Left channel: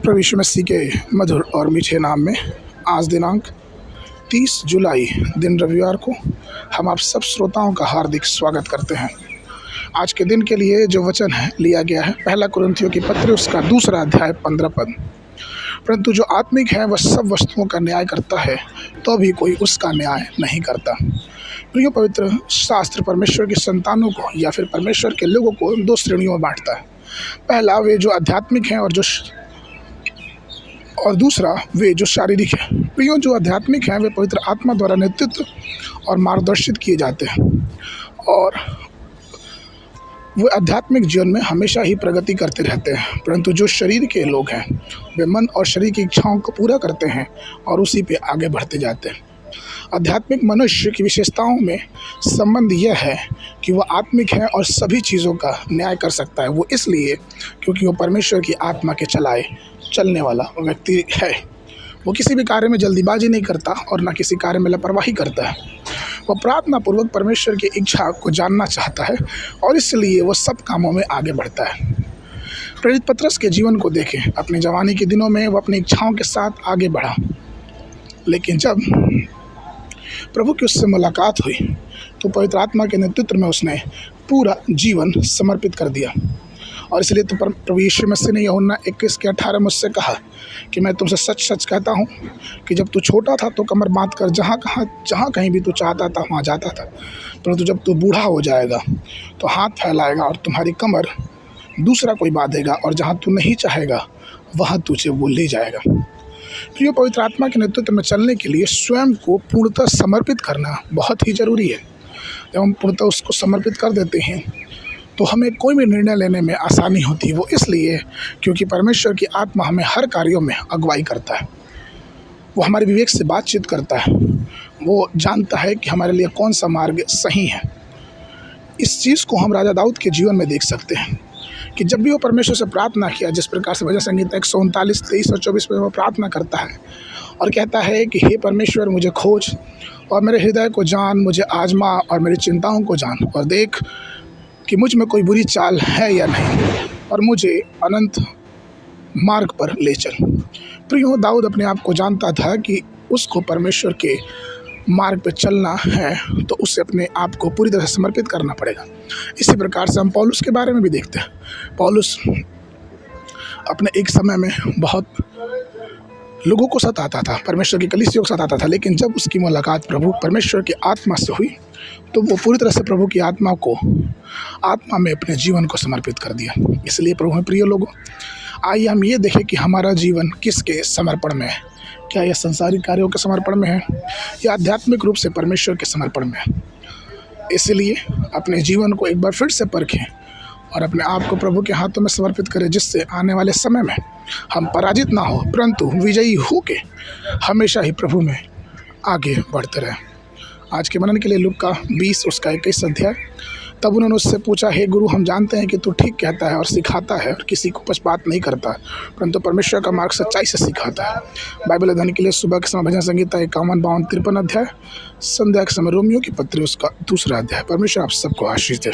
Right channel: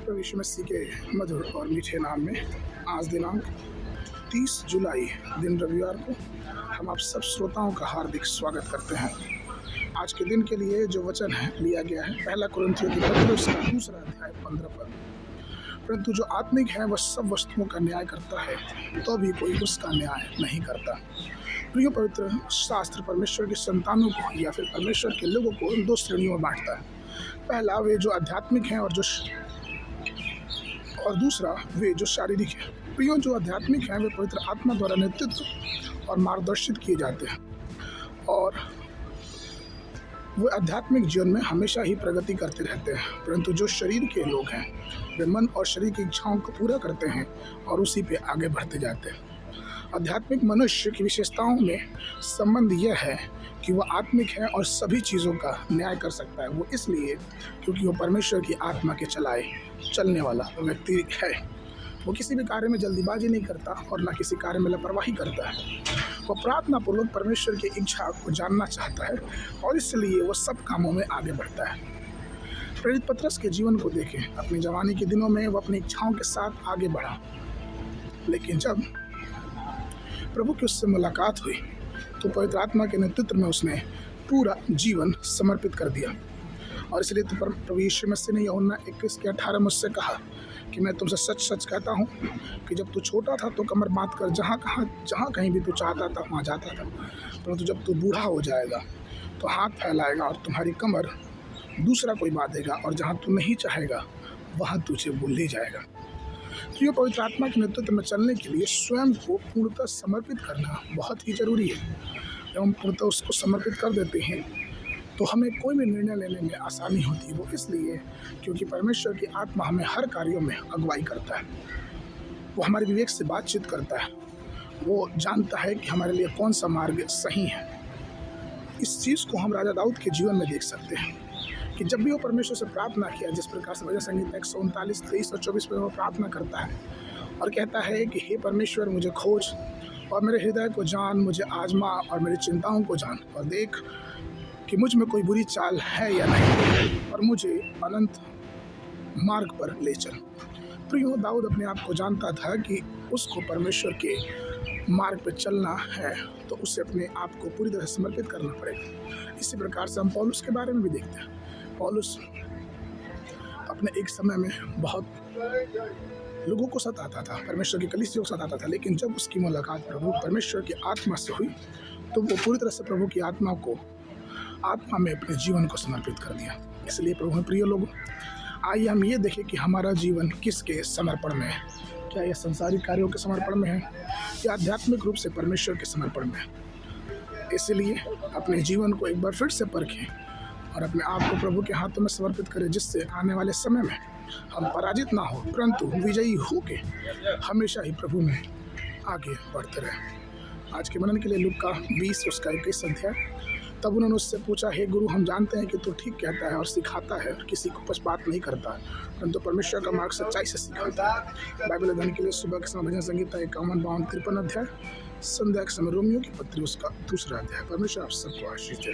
प्रभु यीशु मसीह के मधुर और मीठे नाम में आज दिनांक 30 जुलाई दिन रविवार को हम आप सब श्रोताओं का हार्दिक स्वागत करते हैं। आज के दिन के लिए जो वचन है लिया गया है पहला कुरिन्थियों की पत्री उसका 2 अध्याय 15 पद। परंतु जो आत्मिक है वह सब वस्तुओं का न्याय करता है, तो भी कोई उसका न्याय नहीं करता। प्रिय, पवित्र शास्त्र परमेश्वर के संतानों को या फिर परमेश्वर के लोगों को 2 श्रेणियों में बांटता है। पहला वे जो आध्यात्मिक हैं और दूसरा वे जो शारीरिक हैं। प्रियो, जो आध्यात्मिक हैं वे पवित्र आत्मा द्वारा नेतृत्व और मार्गदर्शित किए जाते हैं और वे आध्यात्मिक जीवन में हमेशा ही प्रगति करते रहते हैं। परंतु जो शरीर के लोग हैं वे मन और शरीर की इच्छाओं को पूरा करते हैं और उसी पे आगे बढ़ते जाते हैं। आध्यात्मिक मनुष्य की विशेषताओं में संबंध यह है कि वह आत्मिक है और सभी चीज़ों का न्याय कर सकता है। वो इसलिए क्योंकि वो परमेश्वर की आत्मा के चलने वाला व्यक्ति है। वो किसी भी कार्य में जल्दीबाजी नहीं करता और ना किसी कार्य में लापरवाही करता है। वह प्रार्थना पूर्वक परमेश्वर की इच्छा को जानना चाहता है और इसलिए वह सब कामों में आगे बढ़ता है। प्रेरित पतरस के जीवन को देखें। अपनी जवानी के दिनों में वह अपनी इच्छाओं के साथ आगे बढ़ा, लेकिन जब प्रभु की उससे मुलाकात हुई तो पवित्र आत्मा के नेतृत्व में उसने पूरा जीवन समर्पित कर दिया। और इसलिए तो प्रभु यीशु मसीह ने यूहन्ना 21:18 मुझसे कहा कि मैं तुमसे सच सच कहता हूँ कि जब तू छोटा था तो कमर बांध कर जहाँ कहीं भी तू चाहता था वहाँ जाता था, परंतु जब तू बूढ़ा हो जाएगा तो हाथ फैलाएगा और तुम्हारी कमर दूसरा कोई बांधेगा और जहाँ तू नहीं चाहेगा वहाँ तुझे वो ले जाएगा। प्रिय, पवित्र आत्मा के नेतृत्व में चलने के लिए स्वयं को पूर्णतः समर्पित करना बहुत ही ज़रूरी है। जब हम पूर्णतः उसको समर्पित कर देते हैं तो हमें कोई भी निर्णय लेने में आसानी होती है। वो इसलिए क्योंकि परमेश्वर की आत्मा हमें हर कार्यों में अगुवाई करता है। वो हमारे विवेक से बातचीत करता है। वो जानता है कि हमारे लिए कौन सा मार्ग सही है। इस चीज़ को हम राजा दाऊद के जीवन में देख सकते हैं कि जब भी वो परमेश्वर से प्रार्थना किया, जिस प्रकार से भजन संगीता 139, 23 और 24 में वो प्रार्थना करता है और कहता है कि हे परमेश्वर, मुझे खोज और मेरे हृदय को जान, मुझे आजमा और मेरी चिंताओं को जान और देख कि मुझ में कोई बुरी चाल है या नहीं और मुझे अनंत मार्ग पर ले चल। प्रियो, दाऊद अपने आप को जानता था कि उसको परमेश्वर के मार्ग पर चलना है तो उसे अपने आप को पूरी तरह समर्पित करना पड़ेगा। इसी प्रकार से हम पौलुस के बारे में भी देखते हैं। पौलुस अपने एक समय में बहुत लोगों को सताता था, परमेश्वर की कलीसिया को सताता था, लेकिन जब उसकी मुलाकात प्रभु परमेश्वर की आत्मा से हुई तो वो पूरी तरह से प्रभु की आत्मा में अपने जीवन को समर्पित कर दिया। इसलिए प्रभु में प्रिय लोगों, आइए हम ये देखें कि हमारा जीवन किसके समर्पण में है। क्या यह संसारिक कार्यों के समर्पण में है या आध्यात्मिक रूप से परमेश्वर के समर्पण में है। इसलिए अपने जीवन को एक बार फिर से परखें और अपने आप को प्रभु के हाथों में समर्पित करें, जिससे आने वाले समय में हम पराजित ना हो परंतु विजयी हो के हमेशा ही प्रभु में आगे बढ़ते रहें। आज के मनन के लिए लूका 20 उसका 21 अध्याय। तब उन्होंने उससे पूछा, हे गुरु, हम जानते हैं कि तू ठीक कहता है और सिखाता है और किसी को पक्षपात नहीं करता, परंतु परमेश्वर का मार्ग सच्चाई से सिखाता है। बाइबल अध्ययन के लिए सुबह के समय भजन संगीता 51, 52, 53 अध्याय, संध्या के समय रोमियो की पत्री उसका 2 अध्याय। परमेश्वर आप सबको आशीष दे।